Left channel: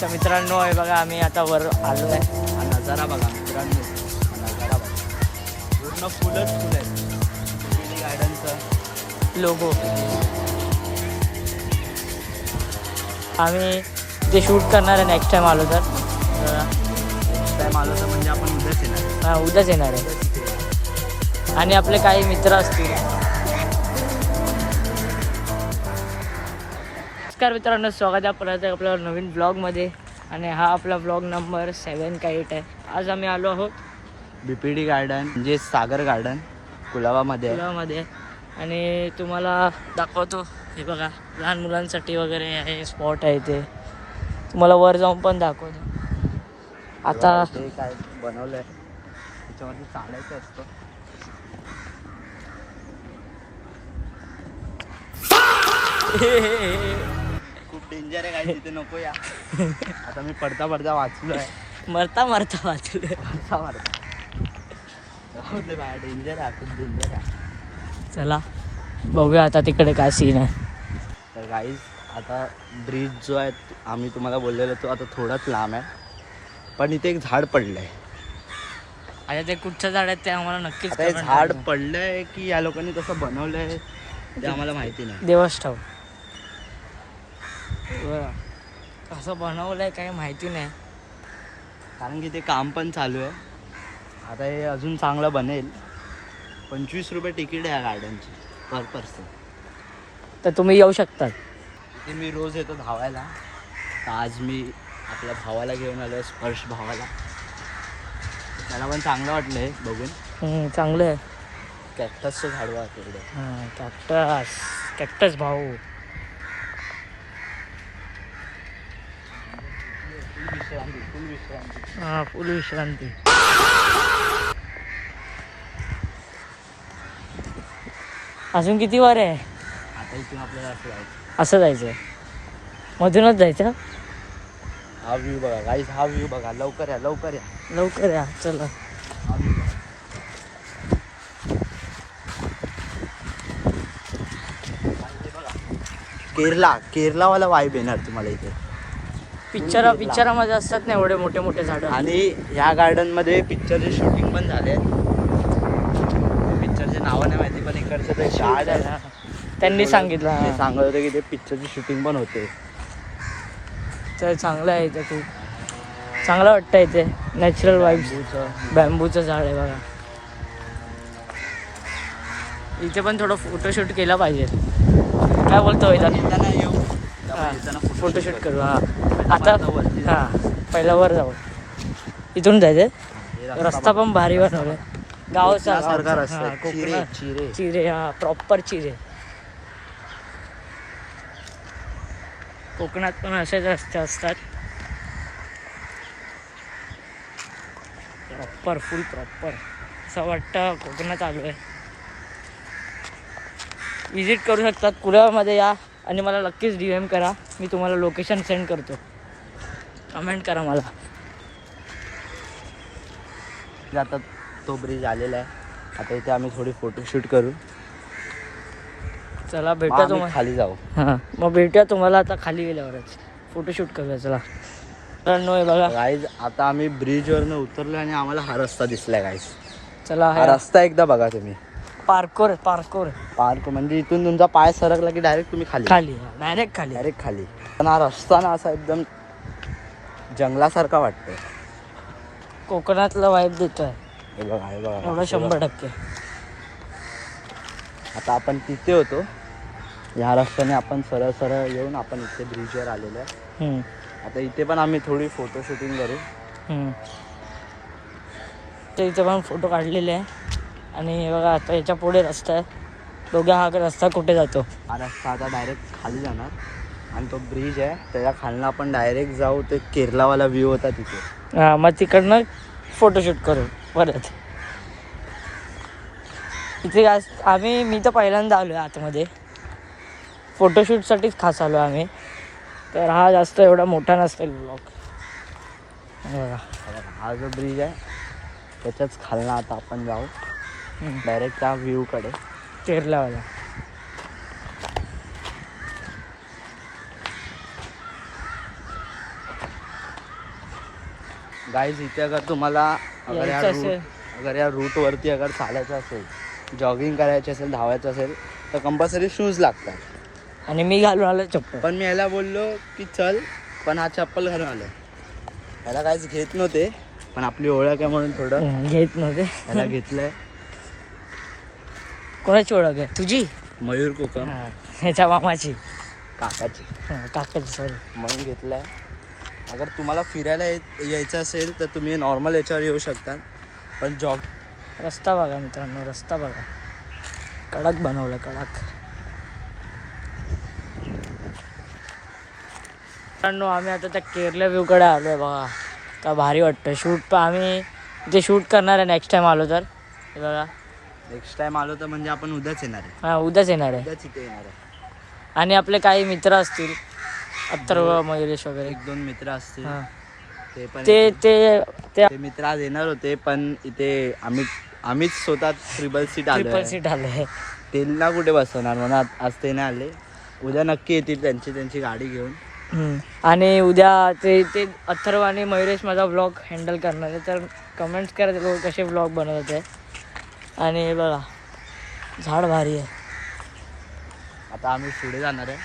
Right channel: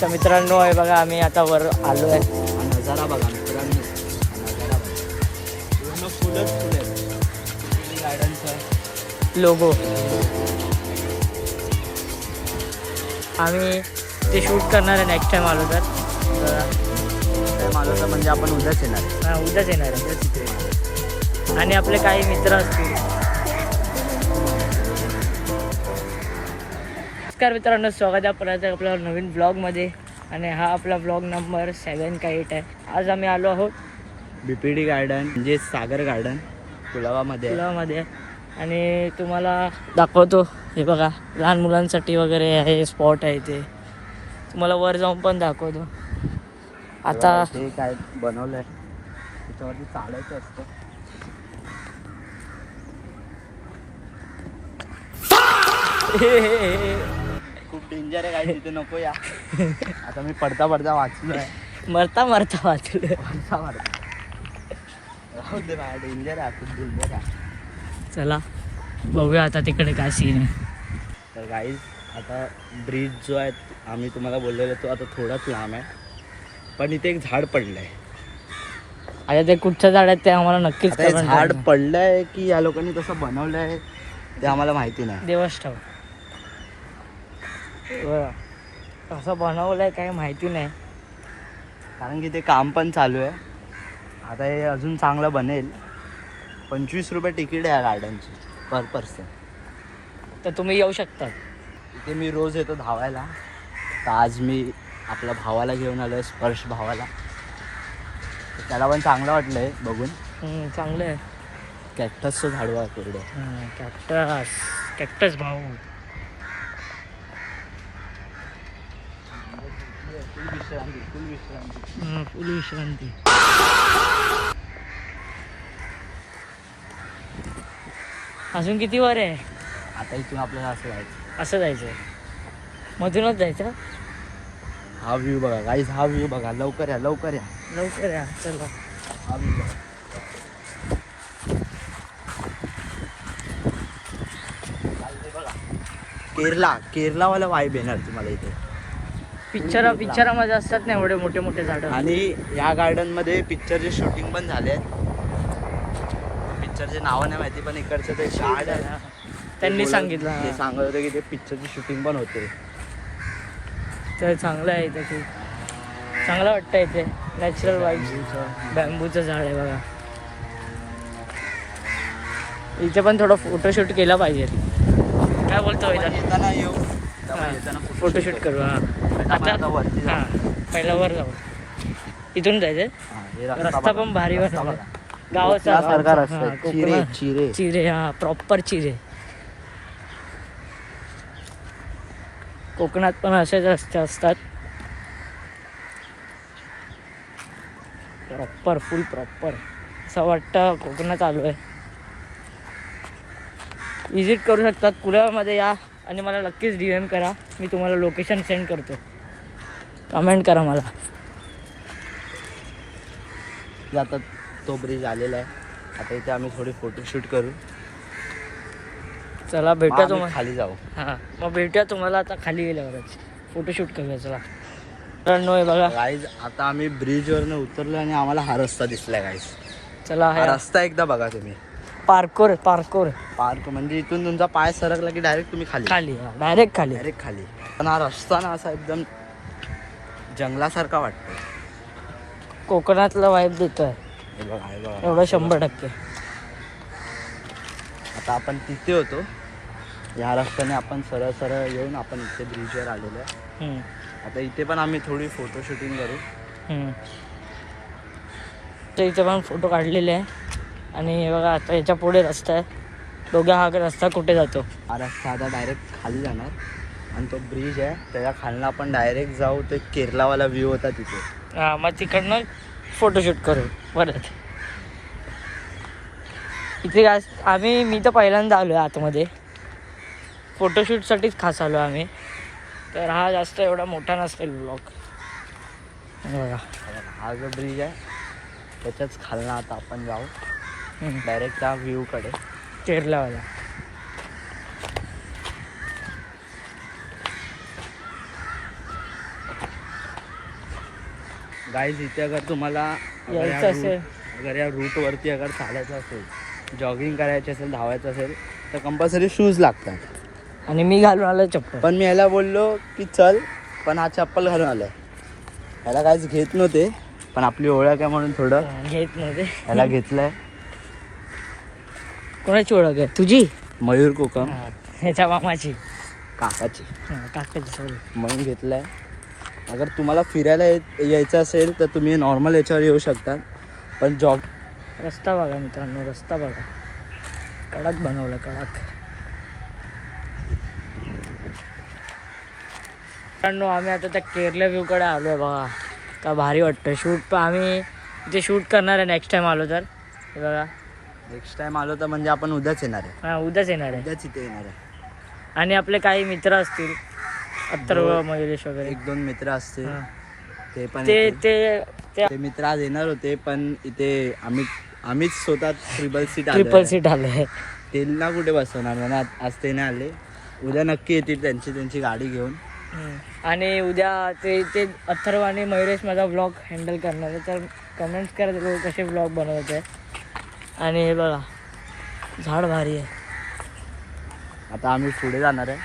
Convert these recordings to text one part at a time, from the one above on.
तर मित्रांनो आहे बघा, आम्ही आता वर आलो आहे. हा नजारा बघा मित्रांनो, हा नजारा बघा, पूर्ण फुलच फुल आहे. पिपिली गार्डनचं लोगो. आम्ही ते शूट करणार आहे नेक्स्ट टाइम आलो तर. टाइम आलं तर म्हणजे आपण उद्याच येणार आहे. हां, उद्याच येणार आहे. आणि आपले काही मित्र असतील. नमस्कार मित्रांनो, स्वागत आहे परत आपल्या नवीन ब्लॉगमध्ये. आणि हा आपला ब्लॉग नंबर 7 का 8 आहे. आज आम्ही आलो आहोत बीपीडी गार्डन म्हणजे सागर गार्डन कुलाबामध्ये आहे. पुलामध्ये. आणि तुम्हाला दाखवतो, हे बघा लहान मुलांसाठी वगैरे आहे स्पॉट आहे. ते तुम्हाला वर जाऊन पण दाखवतो. आता ते काय बनवलंय त्याच्यावरती चालायचं असतं. खूप डेंजर आहे काय, तिथे नको या. आता मी पडता पडता वाचलोय. मरता वाचलं. पडता पडता राहू दे बाय, डेंजर आहे, खूप डेंजर आहे. चला बघूया आता तिकडे काय सीन आहे. तर गाईज आता ब्रिज जो आहे आम्ही तुम्हाला बोललेलो तो आता थोडाच लांब आहे, पण इथे एक झाड पडलंय. आता ते कुठचं झाड आहे ते आम्हाला नक्कीच आता हे comment झाड करा. पडलंय की या लोकांनी तसं बनवलंय ते आम्हाला माहिती नाही. देवच ठाव बरं, कसं बनवलंय काही माहिती नाही. कारण की ते काम पण चालू आहे. आता हे अजून चांगलं बनेल. 25 रुपये तिकीट आहे या गार्डनची पर पर्सन. तर तुम्ही येऊ शकता. इथे मी रोज येतो धावायला. तर आज मी आपल्या भावाला घेऊन आलो आहे, स्पर्श भावाला. तर त्याला पण चांगलं वाटलं आहे बघून. चांगलं आहे. कॅक्टसचं झाड बघा केवढं. हां, कॅक्टस भाऊ. फुल विश्रांती. हां, फुल विश्रांती. अजून किती वर आहे? आता इथून आपल्याला असं जायचं. असं जायचं, मधूनच जायचं. हा व्ह्यू बघा गाईज, हा व्ह्यू बघा. लवकर या, लवकर या, लवकर या. चला हा व्ह्यू बघा. हे बघा केरलावाला वाईब येणार तुम्हाला इथे. पिक्चरामध्ये असतात ना एवढे मोठे मोठे झाडं. आणि या गार्डनमध्ये पिक्चरचे शूटिंग पण झाले आहेत. पिक्चरचे नावं नाही माहिती, पण इकडचे ते गार्ड त्यांनी सांगितलं. ते सांगत होते की ते पिक्चरची शूटिंग पण होते. तर चांगलं आहे इथे, खूप चांगलं वाटतं इथे. Natural vibes. बॅम्बूचं झाड आहे बघा. इथे पण थोडं फोटोशूट केला पाहिजे. काय बोलतो येताना येऊ, फोटोशूट करू. हां, आता वरती जाऊ. हां, पहिला वर जाऊ. इथून जायचं. रस्ता पण भारी बनवला. गावाचा सारखा रस्ता. हां, चिरे कोकणात चिरे चिरे. हां, प्रॉपर चिरे. कोकणात पण असेच रस्ते असतात. प्रॉपर, फुल प्रॉपर. असं वाटतं कोकणात आलो आहे. विजिट करू शकतात. कुलाबामध्ये या आणि मला नक्कीच DM करा. मी तुम्हाला लोकेशन सेंड करतो. कमेंट करा मला. आता तो ब्रिज आलेला आहे. आता इथे आम्ही थोडी फोटोशूट करू. चला भेटूया मग तुम्हाला. खाली जाऊ. हां, मग भेटूया तुम्हाला आता खाली गेल्यावरच. फोटोशूट करूया. चला मित्रांनो, हे बघा. गाईज आता आम्ही ब्रिजवरनं उतरलो आणि आम्हाला हा रस्ता दिसलाय गाईज. चला हा रस्ता एकदा बघा तुम्ही. पार्कोर पार्क म्हणजे इथून तुमचा पाय सरकला की डायरेक्ट तुम्ही खाली डायरेक्ट खाली. डायरेक्ट खाली. पण हा रस्ता ना असा एकदम जंगलासारखा वाटतोय. कोकणातला वाईब देतोय हे बघा, हे बघा. एवढं 100%. आता आपण तिथे होतो. या रस्त्याने आपण सरळ सरळ येऊन आपण इथे ब्रिजवर आलेलो आहे. आता इथे पण आम्ही थोडी फोटो शूटिंग करू. तर इथे पण फोटो काढलेले आहे. आणि बघा आता याच्या पुढे रस्ता आहे. दोघ्या हा रस्ता कुठे जातो? हा रस्ता आता डायरेक्ट खाली जाणार आणि तो ब्रिज आहे त्याच्या खालनं आपण डायरेक्ट जाऊ. ते केरलावाला व्ह्यू होता तिथे. हां, मग तिकडनं फोटोशूट करू परत. इथे मी तर पहिल्यांदा आलो आहे आतमध्ये. फोटोशूटसाठीच खास आलो आम्ही. तर हा जास्त एवढा मोठा नसेल ब्लॉग. बघा हा जो ब्रिज आहे त्याच्याच खालनं आता आपण जाऊ डायरेक्ट त्या व्ह्यूकडे. केरलावाला. गाईज इथे अगर तुम्हाला यायचं असेल अगर या रूटवरती अगर चालायचं असेल, जॉगिंग करायचं असेल, धावायचं असेल तर कंपल्सरी शूज लागतात. आणि मी घालून आलो चिकू. पण मी ह्याला बोललो की चल, पण हा चप्पल घालून आलाय. ह्याला काहीच घेत नव्हते, पण आपली ओळख आहे म्हणून थोडं घेत नव्हते. ह्याला घेतलंय. कोणाची ओळख आहे? तुझी? मयूर कोकम ह्याच्या मामाची, काकाची, काकाची सॉरी. म्हणून घेतलंय. अगर तुम्हाला फिरायला यायचं असेल तर तुम्ही नॉर्मल याच्यावर येऊ शकता, पण जॉग रस्ता बघा मित्रांनो, रस्ता बघा, कडक बनवलं, कडक. मित्रांनो आम्ही आता त्या केरला व्ह्यूकडे आलो आहे बघा, का भारी वाटतं. शूट पण आम्ही इथे शूट करणार आहे नेक्स्ट टाइम आलो तर. हे बघा नेक्स्ट टाइम आलो तर म्हणजे आपण उद्याच येणार आहे. हां उद्याच येणार आहे. उद्याच इथे येणार आहे. आणि आपले काही मित्र असतील, अथर्व, मयुरेश वगैरे, 1-2 मित्र असतील. हां. ते पण ते ते ते ते मित्र आज येणार होते, पण इथे आम्हीच स्वतः ट्रिपल ट्रिपल सीट आले. त्यांना कुठे बसवणार म्हणून आज ते नाही आले. उद्या नक्की येतील त्यांची गाडी घेऊन. आणि उद्या ते अथर्व आणि मयुरेश माझा व्लॉग हँडल करणार आहे, तर कमेंट्स करा ते लोक कसे व्लॉग बनवत आहे. आणि हे बघा झाड भारी आहे. आता आम्ही पुढे जाणार आहे,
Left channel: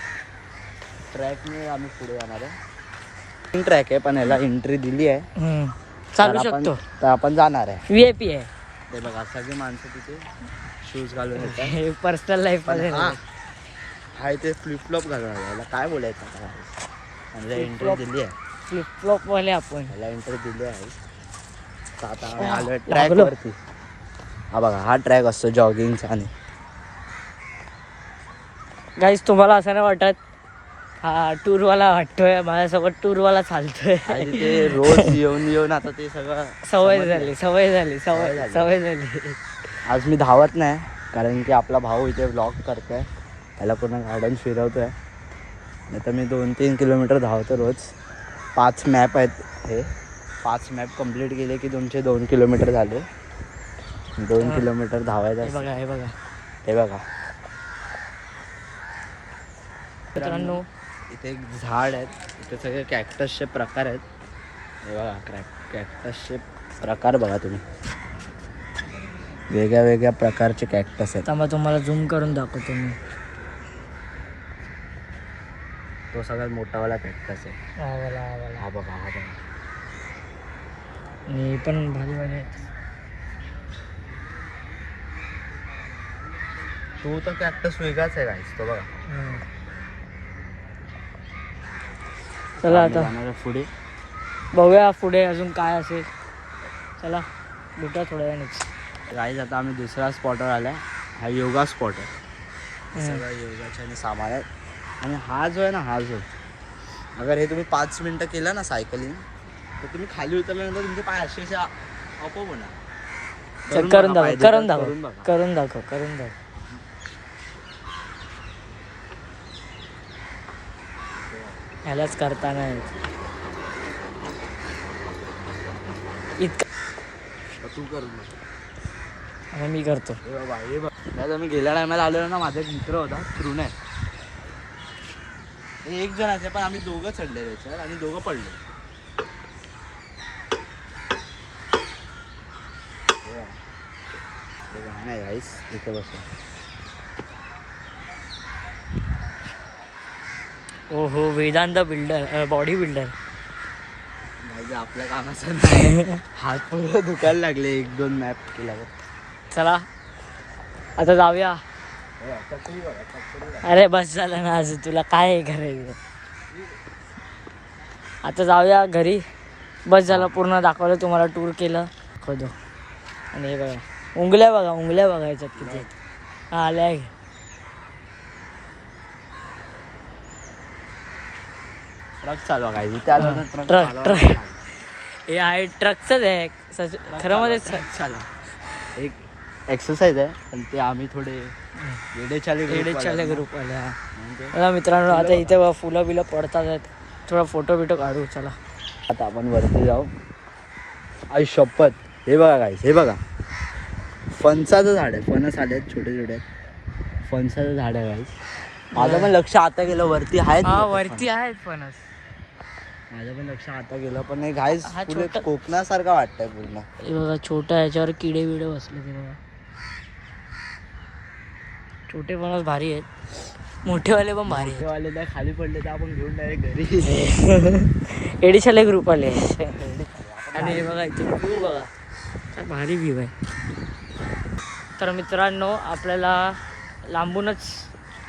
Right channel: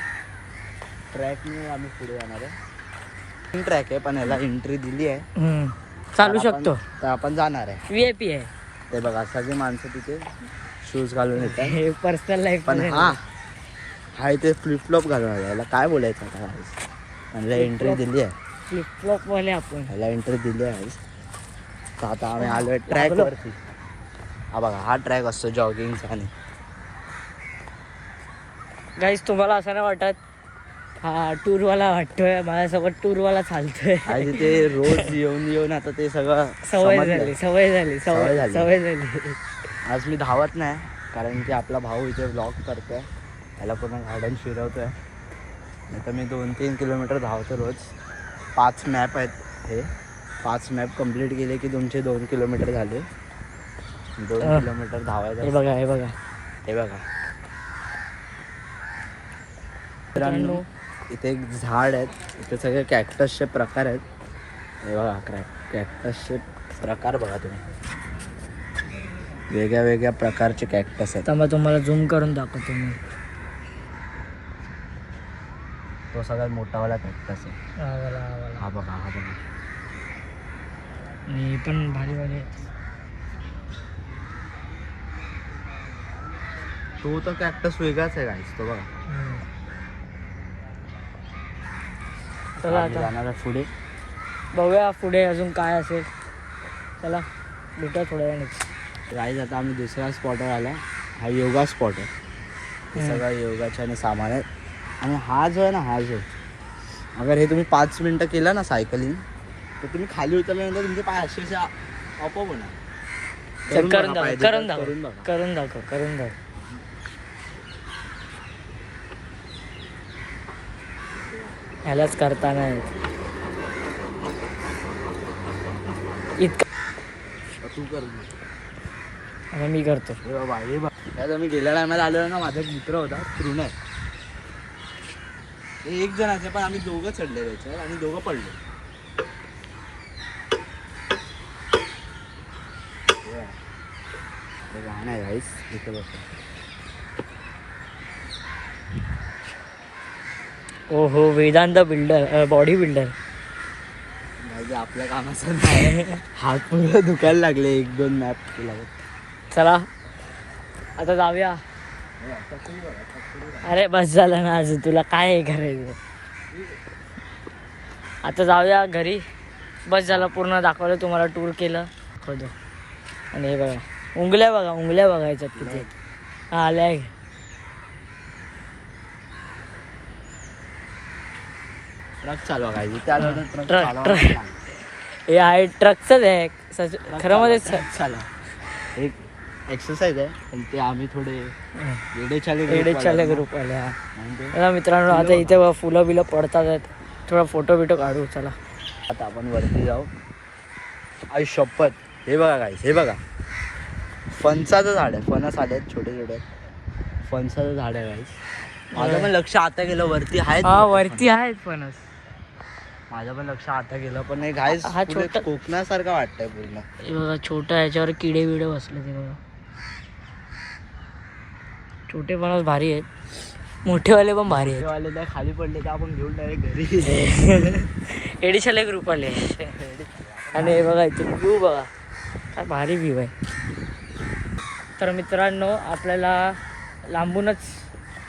ट्रॅकने आम्ही पुढे जाणार आहे. ट्रॅक आहे पण ह्याला एंट्री दिली आहे, चालू शकतो. तर आपण जाणार आहे. VIP आहे ते बघा सगळी माणसं तिथे शूज घालून येतात. हे पर्सनल लाईफ मध्ये. हा इथे फ्लिपफ्लॉप घालून आला. याला काय बोलायचं म्हणजे एंट्री दिली आहे. फ्लिपफ्लॉप वाले आपण. ह्याला एंट्री दिली आहे. तर आता आम्ही आलो आहे ट्रॅकवरती. हा बघा हा ट्रॅक असतो जॉगिंगचा. आणि गाईस तुम्हाला असं नाही वाटत हा टूरवाला वाटतोय, माझ्यासोबत टूरवाला चालतोय. आणि तिथे रोज येऊन आता ते सगळं सवय समजलंय. झाली. आज मी धावत नाही, कारण की आपला भाऊ इथे ब्लॉग करतोय, त्याला पूर्ण गार्डन फिरवतोय. नाही तर मी 2-3 किलोमीटर धावतो रोज. 5 मॅप आहेत. हे 5 मॅप कंप्लीट केले की तुमचे 2 किलोमीटर झाले. 2 किलोमीटर धावायचं. हे बघा हे बघा हे बघा मित्रांनो, इथे एक झाड आहेत. इथे सगळे कॅक्टसचे प्रकार आहेत. हे बघा कॅक्टसचे प्रकार बघा तुम्ही, वेगळ्या वेगळ्या प्रकारचे कॅक्टस आहेत. आता मग तुम्हाला झूम करून दाखवतो मी. तो सगळ्यात मोठावाला कॅक्टस आहे. हा बघा आणि पण भारी भारी. तो तर कॅक्टस वेगळाच आहे गाईस, तो बघा. चला आम्ही आता जाणार आहे पुढे. बघूया पुढे अजून काय असेल. चला भेटूया थोड्या वेळानेच. गाईस आता आम्ही दुसऱ्या स्पॉटवर आलाय. हा योगा स्पॉट आहे. सगळं योगाच्या आणि सामान आहे. आणि हा जो आहे ना, अगर हे तुम्ही 5 मिनटं केलं ना सायकलिंग, तर तुम्ही खाली उतरल्यानंतर तुमचे पाय असे आपोआप होणार. करून दाखव. ह्यालाच करताना इतकं तू कर. मी करतो. हे बाबा मी गेल्या टायमाला आलेलो ना, माझा एक मित्र होता तृणय. एक जण असे, पण आम्ही दोघं चढले त्याच्यावर आणि दोघं पडले. नाही गाईस इथे बस. ओहो वेदांत बिल्डर, बॉडी बिल्डर. आपल्या कामाचं नाही. हात पुढे दुखायला लागले 1-2 मॅप केला. चला आता जाऊया. अरे बस झालं ना, आज तुला काय करायचं. आता जाऊया घरी. बस झालं, पूर्ण दाखवलं तुम्हाला, टूर केलं दाखवतो. आणि हे बघा उंगल्या बघायच्यात तिथे. हा आल्या आहे. ट्रक चालवा काय ट्रक हे आहे, ट्रकचंच आहे खरं मध्ये. चालवा एक एक्सरसाइज आहे, पण ते आम्ही थोडे येडेचाले ग्रुप आले. मित्रांनो आता इथे फुलं बिलं पडतात आहेत, थोडा फोटो बिटो काढू. चला आता आपण वरती जाऊ. आई शपथ. हे बघा गाईस, हे बघा फणसाचं झाड आहे. फणस आले आहेत छोटे छोटे. फणसाचं झाड आहे गाईस. माझं पण लक्ष आता गेलं वरती आहेत. वरती आहेत फणस. माझं पण लक्ष आता गेलं पण नाही घाईस हा छोटा- कोकणासारखा वाटतंय पूर्ण. हे बघा छोटा ह्याच्यावर किडे बिडे बसले तिथे. छोटे पण भारी आहेत, मोठेवाले पण भारी आहेत. वाले त्या खाली पडले तर आपण घेऊन डायरेक्ट घरी. एडिशाला एक ग्रुप आले आणि हे बघा इथे व्ह्यू बघा काय भारी व्ह्यू आहे. तर मित्रांनो आपल्याला लांबूनच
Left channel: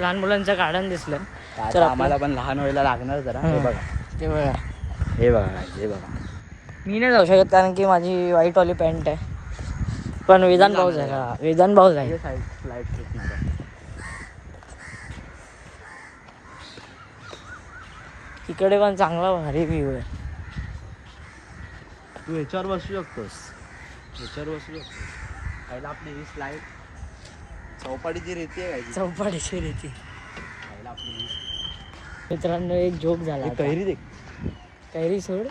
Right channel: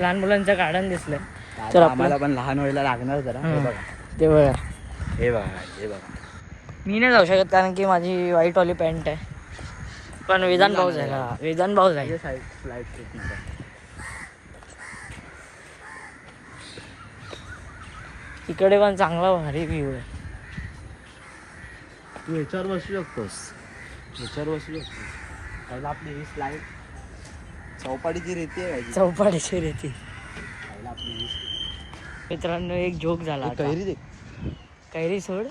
लहान मुलांचं गार्डन दिसलं तर तर आम्हाला पण लहान व्हायला लागणार जरा. हे हां. बघा ते बघा. हे बघा हे बघा. मी नाही जाऊ शकत कारण की माझी व्हाईटवाली पॅन्ट आहे, पण वेदांत भाऊ जाईल. हा वेदांत भाऊ जाईल. तिकडे पण चांगला भारी व्ह्यू आहे. तू याच्यावर बसू शकतोस, याच्यावर बसू शकतोस. पहिला आपली ही स्लाईड चौपाटीची रेती आहे काय चौपाटीची रेती. पहिला आपली ही मित्रांनो एक जोक झाला आता. कैरी दे. कैरी सोड.